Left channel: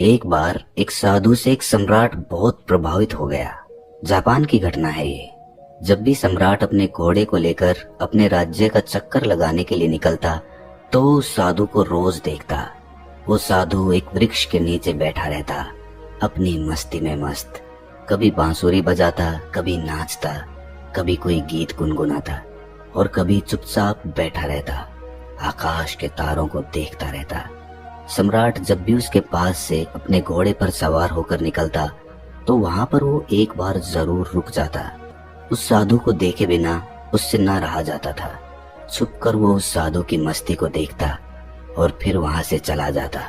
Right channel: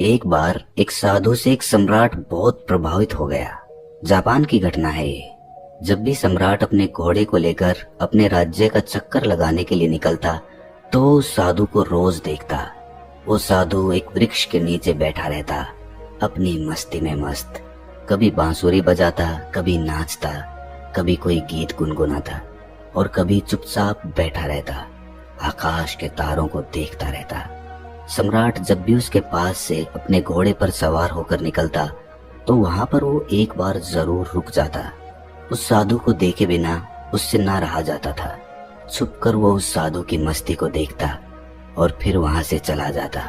एक बार एक साधु से एक सम्राट बहुत प्रभावित हो गया। जापान की घटना है ये। जब भी सम्राट अपने घोड़े को लेकर अपने राज्य का चक्कर लगाने के लिए निकलता तो उस साधु को रोज देखता। वो साधु एक वृक्ष के नीचे बैठा रहता, अपनी मस्ती में मस्त। कभी बांसुरी बजाता, कभी नाचता, कभी कोई गीत गुनगुनाता और कभी चुपचाप बैठा रहता, आकाश के तारों को देखता रहता। सम्राट जब भी उसके पास से अपने घोड़े पर सवार होकर निकलता तो वहां पर वो एक बार जरूर रुक जाता। उस साधु को देखे बिना उससे ना रहा जाता था। छुपकर वो उस साधु की मस्ती को देखता और फिर वहां से चला जाता।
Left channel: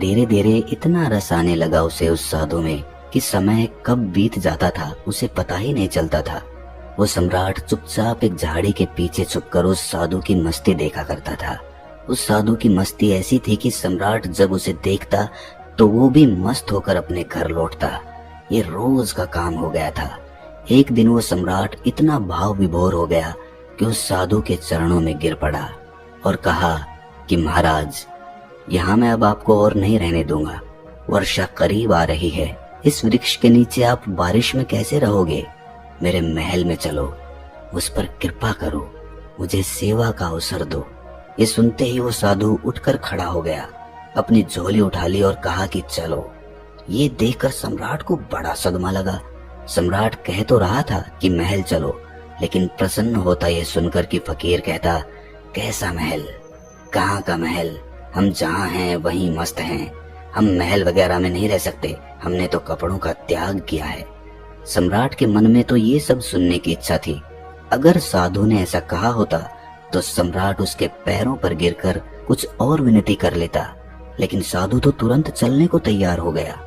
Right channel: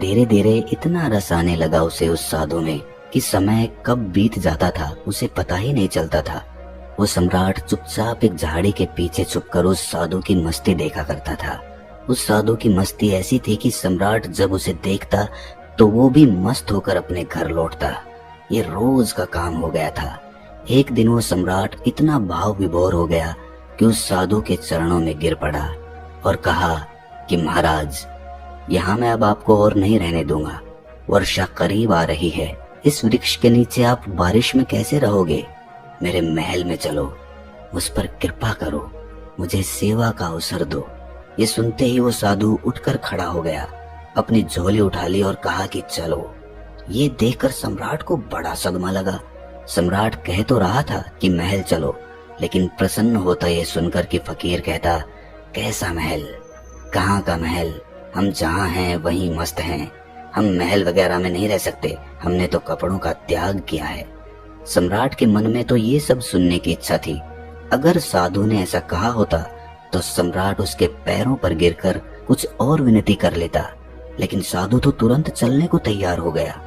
धीरे धीरे इतना रस आने लगा उसे उस साधु में कि समय कब बीत जाता था उसे पता ही नहीं चलता था। वो सम्राट चुपचाप एक झाड़ी के पीछे छुपकर उस साधु की मस्ती देखा करता था। उस साधु की मस्ती ऐसी थी कि सम्राट जब उसे देखता तो वो भी मस्त होकर अपने घर लौटता। ये रोज का काम हो गया था। एक दिन वो सम्राट इतना भाव विभोर हो गया कि उस साधु के चरणों में गिर पड़ा और कहा कि महाराज, यहाँ मैं अब आपको और नहीं रहने दूंगा। वर्षा करीब आ रही है। इस वृक्ष के नीचे आप बारिश में कैसे रहोगे? मेरे महल में चलो, उस पर कृपा करो, मुझे सेवा का अवसर दो। ये सुनते ही वो साधु उठकर खड़ा हो गया, अपनी झोली उठा ली और कहा कि चलो। ये देखकर सम्राट को बड़ा सदमा लगा। सम्राट कह तो रहा था कि महल चलो, लेकिन प्रसन्न होता ये सुनकर कि फकीर कहता, कैसा महल? कहाँ का महल? हम जहाँ हैं वहीं मस्त हैं। हम महल वगैरह में नहीं रह सकते। हमने तो कपड़ों का त्याग किया है। सम्राट के मन में तो ये सब सुनने की इच्छा थी। अगर साधु ने ऐसा कहा होता तो सम्राट उसके पैरों पर गिरकर कुछ और विनती कर लेता, लेकिन साधु तो तुरंत चलने को तैयार हो गया।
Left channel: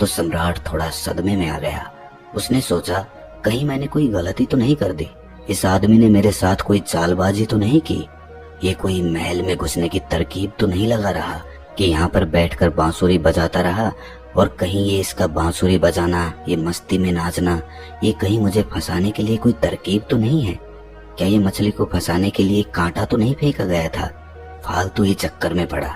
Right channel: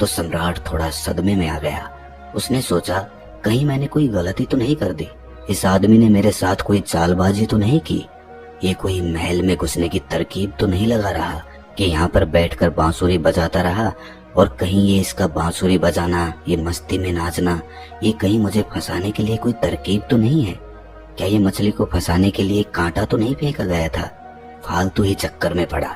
तो सम्राट थोड़ा सदमे में आ गया। उसने सोचा, कहीं मैंने कोई गलती तो नहीं कर दी? इस आदमी ने मेरे साथ कोई चालबाजी तो नहीं की? ये कोई महल में घुसने की तरकीब तो नहीं लगा रहा कि यहाँ पर बैठकर बांसुरी बजाता रहा और कहीं ये इसका बांसुरी बजाना, ये मस्ती में नाचना, ये कहीं मुझे फंसाने के लिए कोई तरकीब तो नहीं है? क्या ये मछली को फंसाने के लिए कांटा तो नहीं फेंका गया था? फालतू ही चक्कर में पड़ा।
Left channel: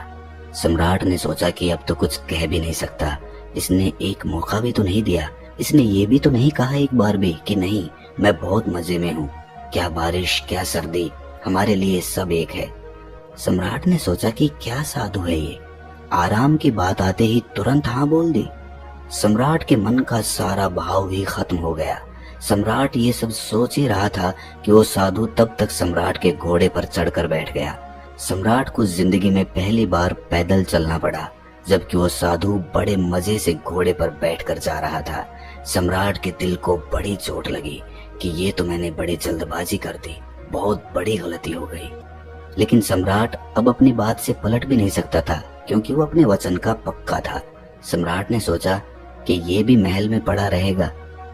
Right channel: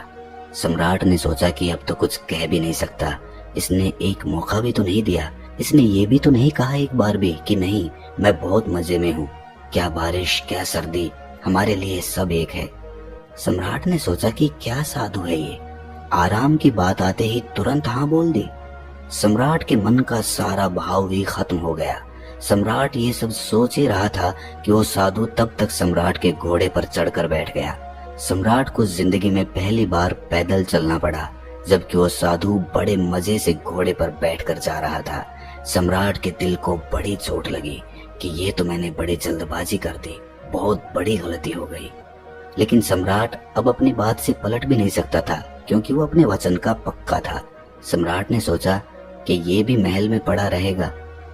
सम्राट ने सोचा कि अब तो कुछ कह भी नहीं सकता। इसने एक मौका भी तो नहीं दिया। इसने ये भी तो नहीं कहा एक बार भी कि नहीं, मैं बहुत मजे में हूँ। क्या बारिश, क्या सर्दी, हमारे लिए सब एक है। सम्राट ने सोचा कि क्या साधु है ये, आराम की बात आते ही तुरंत हाँ बोल दी। सम्राट के मन का सारा भाव भी खत्म हो गया। सम्राट ये सब सोच ही रहा था कि वो साधु तब तक सम्राट के घोड़े पर चढ़कर बैठ गया। सम्राट को जिंदगी में पहली बार पैदल चलना पड़ा, जबकि वो साधु बड़े मजे से घोड़े पर बैठकर जा रहा था। सम्राट के दिल को बड़ी चोट लगी कि ये तो मैंने बड़ी जल्दबाजी कर दी, बहुत बड़ी गलती हो गई। लेकिन सम्राट अब अपनी बात से पलट भी नहीं सकता था, क्योंकि वो अपने वचन का पक्का था। सम्राट ने सोचा कि ये भी महल में पड़ा रहेगा,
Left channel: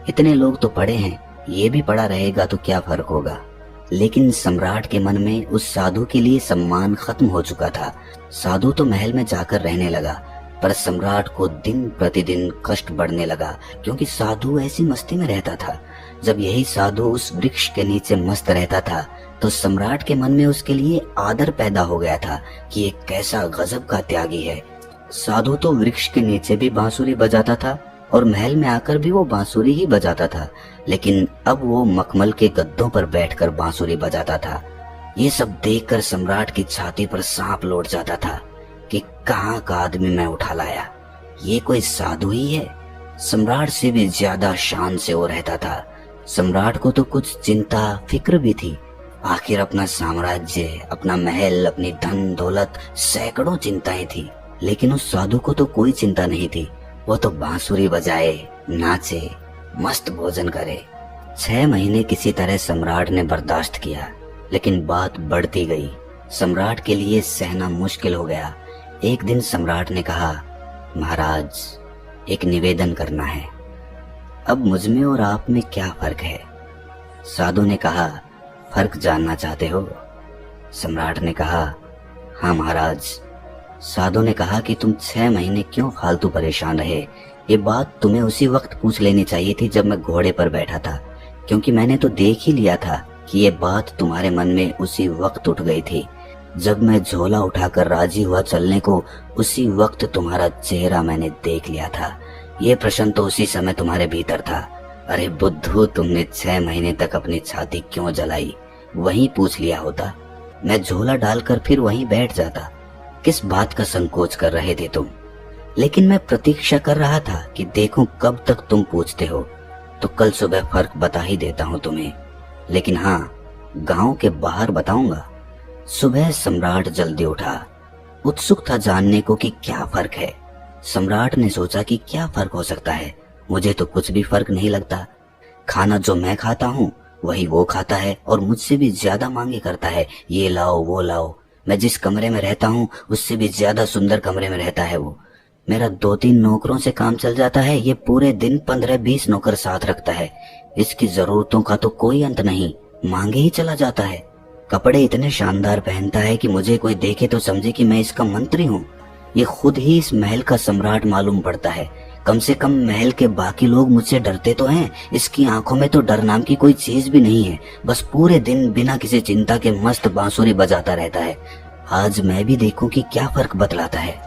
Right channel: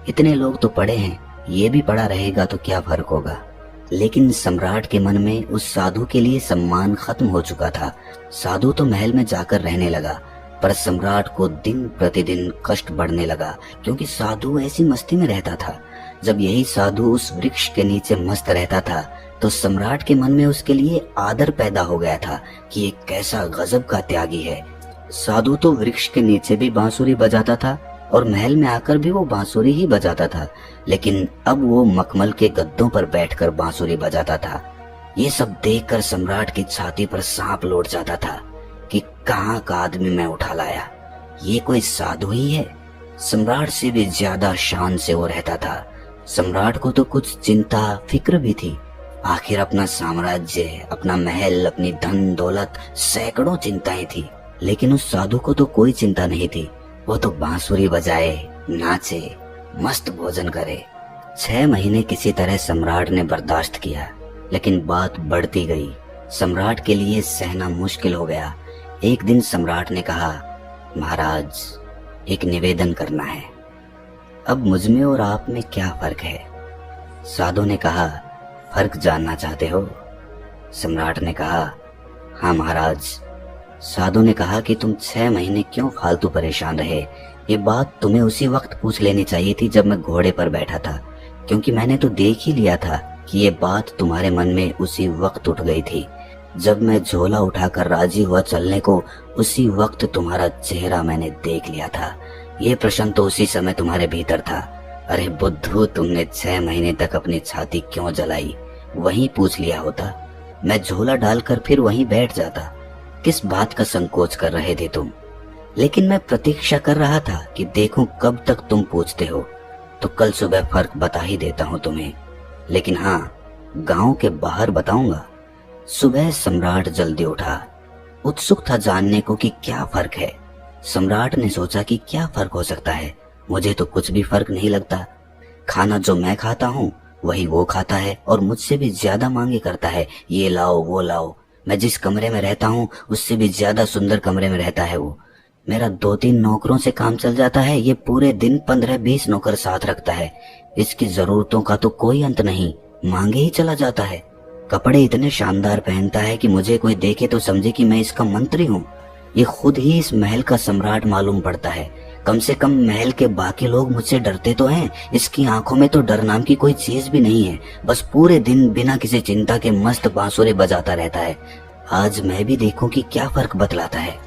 इतने लोग तो पड़े हैं, ये भी पड़ा रहेगा तो क्या फर्क होगा। लेकिन सम्राट के मन में उस साधु के लिए सम्मान खत्म हो चुका था। साधु तो महल में जाकर रहने लगा, पर सम्राट को दिन प्रतिदिन कष्ट बढ़ने लगा, क्योंकि साधु ऐसी मस्ती में रहता था। जब यही साधु उस वृक्ष के नीचे मस्त रहता था तो सम्राट के मन में उसके लिए आदर पैदा हो गया था कि ये कैसा गजब का त्यागी है। साधु तो वृक्ष के नीचे भी बांसुरी बजाता था और महल में आकर भी वो बांसुरी ही बजाता था, लेकिन अब वो मखमल के गद्दों पर बैठकर बांसुरी बजाता था। ये सब देखकर सम्राट की छाती पर सांप लौट जाता था कि कहाँ का आदमी मैं उठा लाया, ये कोई साधु ही है। सम्राट से भी ज्यादा शान से वो रहता था। सम्राट को तो कुछ चिंता फिक्र भी थी। आखिर अपना साम्राज्य, अपना महल, अपनी धन दौलत, सैकड़ों चिंताएं थी, लेकिन उस साधु को तो कोई चिंता नहीं थी। वो तो बांसुरी बजाए, नाचे, मस्त भोजन करे। 6 महीने किसी तरह सम्राट ने बर्दाश्त किया, लेकिन बात बढ़ती गई। सम्राट के लिए सहना मुश्किल हो गया। एक दिन सम्राट ने कहा, महाराज, एक निवेदन करना है। अब मुझमें और आप में क्या फर्क है? साधु ने कहा, फर्क जानना चाहते हो? सम्राट ने कहा, हाँ महाराज। साधु ने कहा कि तुम 6 महीने क्यों फालतू परेशान रहे? ये बात तुम्हें उसी वक्त पूछ लेनी चाहिए थी जब मैं घोड़े पर बैठा था, क्योंकि मैंने तो देख ही लिया था कि ये बात तुम्हारे मन में उसी वक्त उठ गई थी। जब मैं झोला उठाकर राजी हुआ चलने को, उसी वक्त तुम्हारा चेहरा मैंने देख लिया था। ये प्रश्न तो उसी समय तुम्हारे भीतर था। अरे बुद्धू, तुमने 6 महीने तक अपनी छाती क्यों जलाई? वहीं पूछ लिया होता। मैं झोला डालकर फिर वहीं बैठ जाता। किस बात का संकोच कर रहे थे तुम? लेकिन मैं प्रतीक्षा कर रहा था कि देखूं कब तक तुम पूछते हो। तो कल सुबह फर्क बता ही देता हूं तुम्हें। लेकिन हाँ, गांव के बाहर बताऊंगा। सुबह सम्राट जल्दी उठा। उत्सुक था जानने को कि क्या फर्क है। सम्राट ने सोचा कि क्या फर्क हो सकता है। मुझे तो कुछ भी फर्क नहीं लगता। खाना जो मैं खाता हूँ वही वो खाता है और मुझसे भी ज्यादा मांगे करता है, ये लाओ वो लाओ। मैं जिस कमरे में रहता हूँ उससे भी ज्यादा सुंदर कमरे में रहता है वो। मेरा 2-3 नौकरों से काम चल जाता है, ये पूरे दिन 15-20 नौकर साथ रखता है। इसकी जरूरतों का तो कोई अंत नहीं, मांगे ही चला जाता है। कपड़े इतने शानदार पहनता है कि मुझे कोई देखे तो समझे कि मैं इसका मंत्री हूँ। ये खुद ही इस महल का सम्राट मालूम पड़ता है। कम से कम महल के बाकी लोग मुझसे डरते तो हैं, इसकी आंखों में तो डर नाम की कोई चीज भी नहीं है। बस पूरे दिन बिना किसी चिंता के मस्त बांसुरी बजाता रहता है। आज मैं भी देखूं कि क्या फर्क बतलाता है।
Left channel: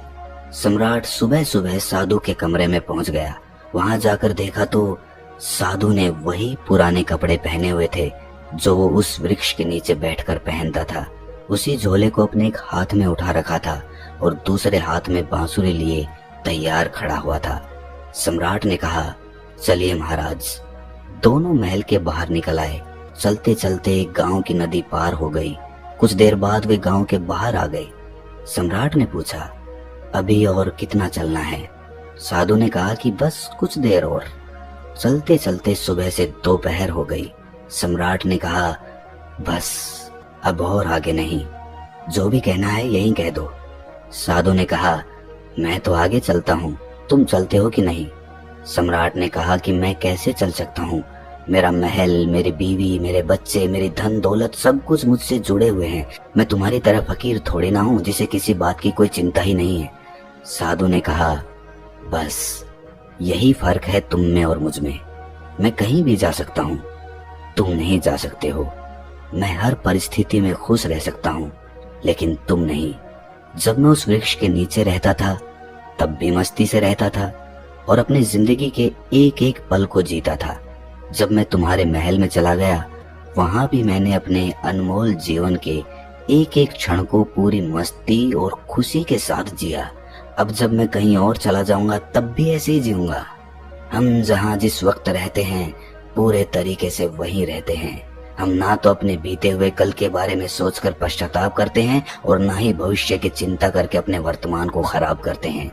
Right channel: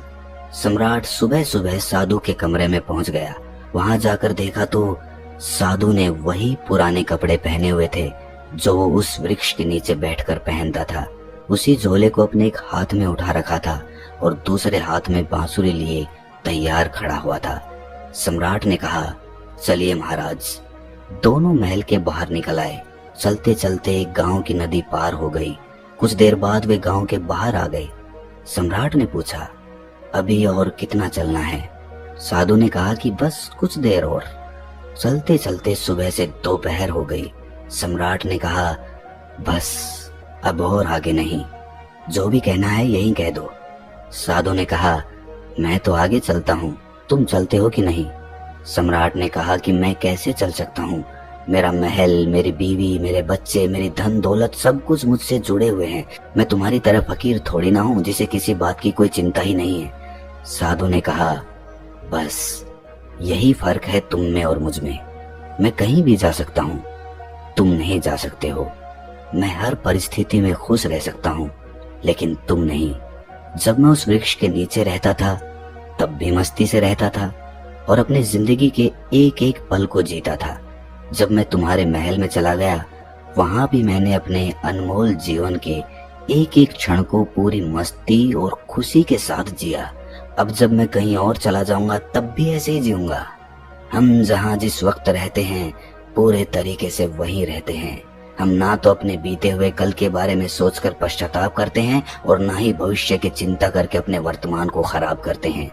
सम्राट सुबह सुबह साधु के कमरे में पहुंच गया। वहां जाकर देखा तो साधु ने वही पुराने कपड़े पहने हुए थे जो वो उस वृक्ष के नीचे बैठकर पहनता था। उसी झोले को अपने एक हाथ में उठा रखा था और दूसरे हाथ में बांसुरी लिए तैयार खड़ा हुआ था। सम्राट ने कहा, चलिए महाराज। दोनों महल के बाहर निकल आए। चलते चलते एक गांव की नदी पार हो गई। कुछ देर बाद वे गांव के बाहर आ गए। सम्राट ने पूछा, अभी और कितना चलना है? साधु ने कहा कि बस कुछ देर और। चलते चलते सुबह से दोपहर हो गई। सम्राट ने कहा, बस अब और आगे नहीं, जो भी कहना है यही कह दो। साधु ने कहा, मैं तो आगे चलता हूँ, तुम चलते हो कि नहीं? सम्राट ने कहा कि मैं कैसे चल सकता हूँ? मेरा महल, मेरी बीवी, मेरे बच्चे, मेरी धन दौलत सब कुछ मुझसे जुड़े हुए हैं। मैं तुम्हारी तरह फकीर थोड़ी ना हूँ जिसे किसी बात की कोई चिंता ही नहीं है। साधु ने कहा, बस यही फर्क है तुम में और मुझ में। मैं कहीं भी जा सकता हूँ, तुम नहीं जा सकते हो। मैं हर परिस्थिति में खुश रह सकता हूँ, लेकिन तुम नहीं। जब मैं उस वृक्ष के नीचे रहता था तब भी मस्ती से रहता था और अपनी जिंदगी के एक एक पल को जीता था। जब मैं तुम्हारे महल में चला गया वहां भी मैंने अपने अनमोल जीवन के एक एक क्षण को पूरी मस्ती और खुशी के साथ जिया। अब जब मैं कहीं और चला जाऊंगा तब भी ऐसे ही जीऊंगा। हम जहां जिस वक्त रहते हैं पूरे तरीके से वहीं रहते हैं। हम ना तो अपने बीते हुए कल के बारे में सोचकर पश्चाताप करते हैं और ना ही भविष्य की चिंता करके अपने वर्तमान को खराब करते हैं।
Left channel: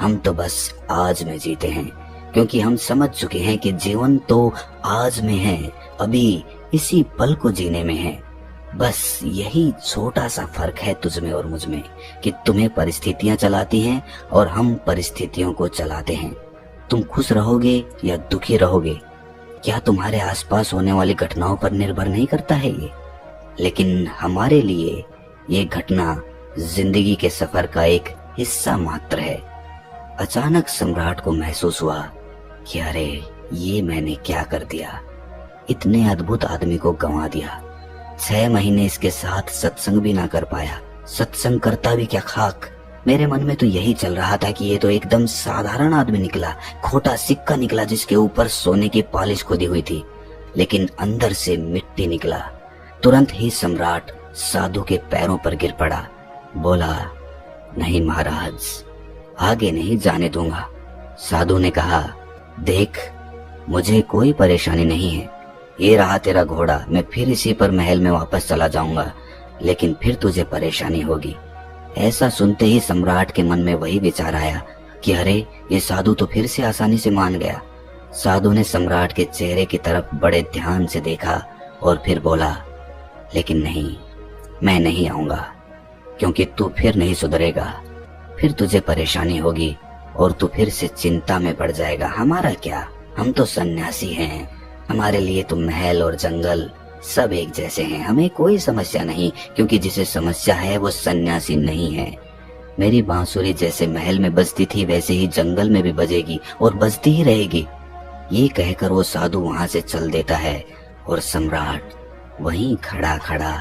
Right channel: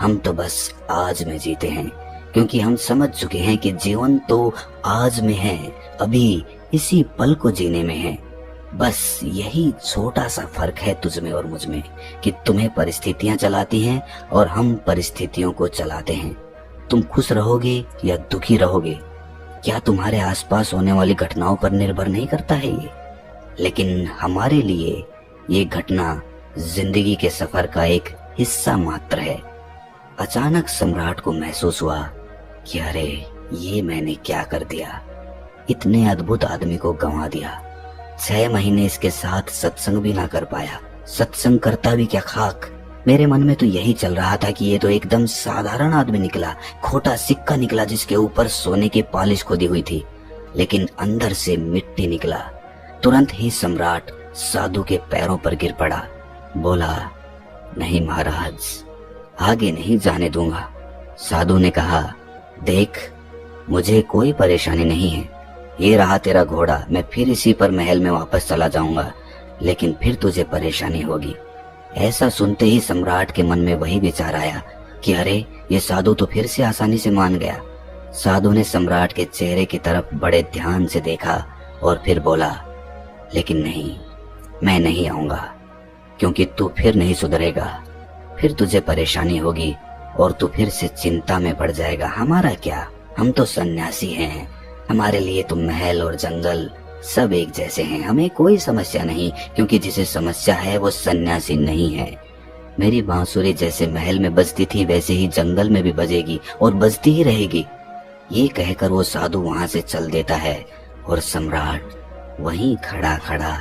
हम तो बस आज में जीते हैं, क्योंकि हम समझ चुके हैं कि जीवन तो आज में है, अभी इसी पल को जीने में है। बस यही छोटा सा फर्क है तुझ में और मुझ में कि तुम्हें परिस्थितियां चलाती हैं और हम परिस्थितियों को चलाते हैं। तुम खुश रहोगे या दुखी रहोगे, क्या तुम्हारे आसपास होने वाली घटनाओं पर निर्भर नहीं करता है ये? लेकिन हमारे लिए ये घटना जिंदगी के सफर का एक हिस्सा मात्र है। अचानक सम्राट को महसूस हुआ कि अरे ये मैंने क्या कर दिया, इतने अद्भुत आदमी को गंवा दिया। 6 महीने इसके साथ सत्संग भी ना कर पाया। सत्संग करता भी क्या खाक। मेरे मन में तो यही चल रहा था कि ये तो एकदम साधारण आदमी निकला, खोटा सिक्का निकला जिसके ऊपर सोने की पॉलिश खोदी हुई थी, लेकिन अंदर से मिट्टी निकला। तुरंत ही सम्राट साधु के पैरों पर गिर पड़ा। बोला, नहीं महाराज, आगे नहीं जाने दूंगा। साधु ने कहा, देख मुझे कोई परेशानी नहीं है, ये रहा तेरा घोड़ा, मैं फिर इसी पर महल में वापस चला जाऊंगा, लेकिन फिर तुझे परेशानी होगी। ऐसा सुनते ही सम्राट के मन में वही विचार आया कि अरे ये साधु तो फिर से आसानी से मान गया। साधु ने सम्राट के चेहरे की तरफ बड़े ध्यान से देखा और फिर बोला, लेकिन नहीं, मैं नहीं आऊंगा, क्योंकि तू फिर नहीं सुधरेगा, फिर तुझे परेशानी होगी और तू फिर से चिंता में पड़ जाएगा। हमारा क्या, हम तो सन्यासी हैं, हमारे लिए तो महल और जंगल सब एक जैसे हैं, हमें कोई समस्या नहीं, क्योंकि जिसे समस्या है वो सन्यासी नहीं है। मेरी बांसुरी जैसे महल में बजती थी वैसे ही जंगल में भी बजेगी और बजती ही रहेगी। ये कहकर वो साधु वहां से चल देता है और सम्राट वहीं खड़ा खड़ा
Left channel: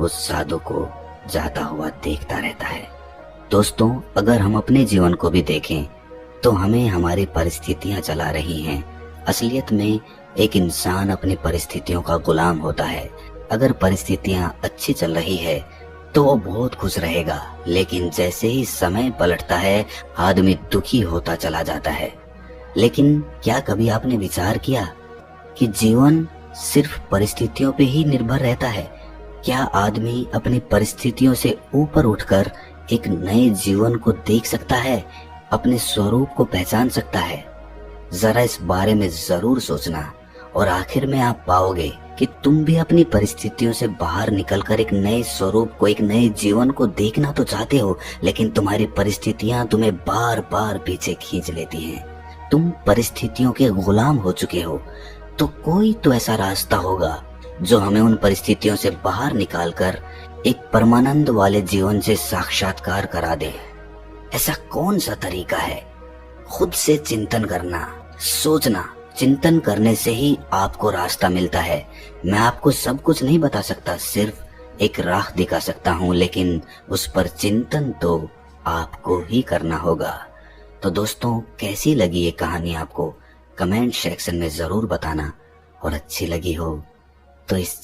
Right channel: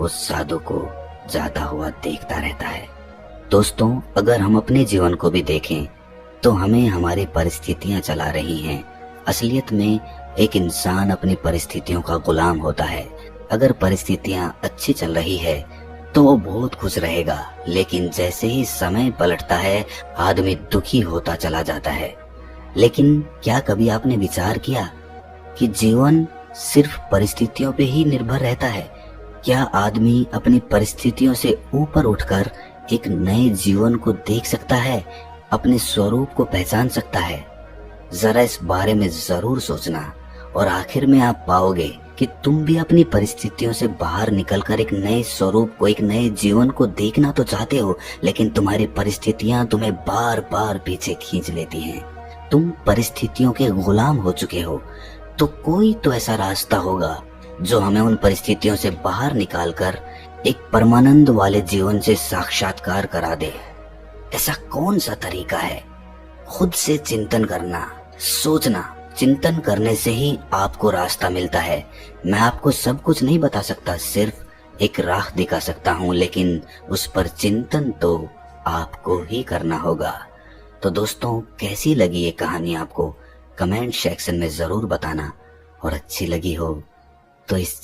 उस साधु को जाता हुआ देखता रहता है। दोस्तों, अगर हम अपने जीवन को भी देखें तो हमें हमारी परिस्थितियां चला रही हैं। असलियत में एक इंसान अपनी परिस्थितियों का गुलाम होता है। अगर परिस्थितियां अच्छी चल रही है तो वो बहुत खुश रहेगा, लेकिन जैसे ही समय पलटता है आदमी दुखी होता चला जाता है। लेकिन क्या कभी आपने विचार किया कि जीवन सिर्फ परिस्थितियों पे ही निर्भर रहता है? क्या आदमी अपनी परिस्थितियों से ऊपर उठकर एक नए जीवन को देख सकता है, अपने स्वरूप को पहचान सकता है? जरा इस बारे में जरूर सोचना और आखिर में आप पाओगे कि तुम भी अपनी परिस्थितियों से बाहर निकलकर एक नए स्वरूप को, एक नए जीवन को देखना तो चाहते हो, लेकिन तुम्हारी परिस्थितियां तुम्हें बार बार पीछे खींच लेती हैं। तुम परिस्थितियों के गुलाम हो चुके हो। तो कोई तो ऐसा रास्ता होगा जो हमें उन परिस्थितियों से बाहर निकालकर एक परमानंद वाले जीवन से साक्षात्कार करा दे। ऐसा कौन सा तरीका है? खुद से चिंतन करना, सोचना। चिंतन करने से ही आपको रास्ता मिलता है। मैं आपको सब कुछ नहीं बता सकता, सिर्फ एक राह दिखा सकता हूँ, लेकिन उस पर चिंतन तो आपको ही करना होगा। तो दोस्तों, कैसी लगी ये कहानी आपको? कमेंट सेक्शन में जरूर बताना, और अच्छी लगी हो तो इस